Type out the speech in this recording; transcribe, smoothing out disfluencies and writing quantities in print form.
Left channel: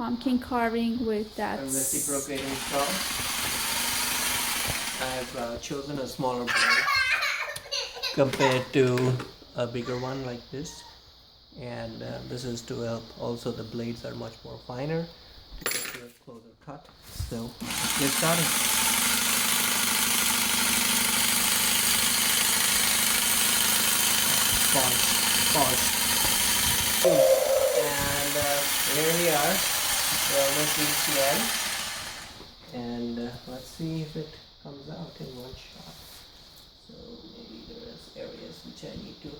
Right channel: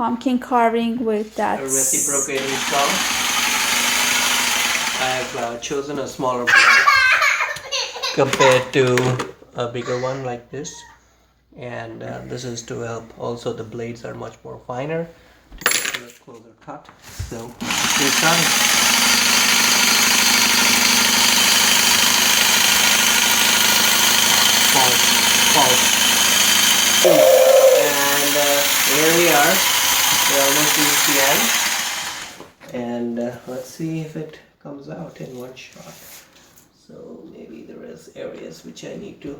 pumpkin carving with that a reciprocating saw. I've chosen a smaller blade compared to a bigger one like this, and this is to help. Also, the blades are much more finer to get to a closer cut. So let's get started. And here we are. We're almost reached the end, and let's see if it comes out in one shot. So maybe there is areas which I need to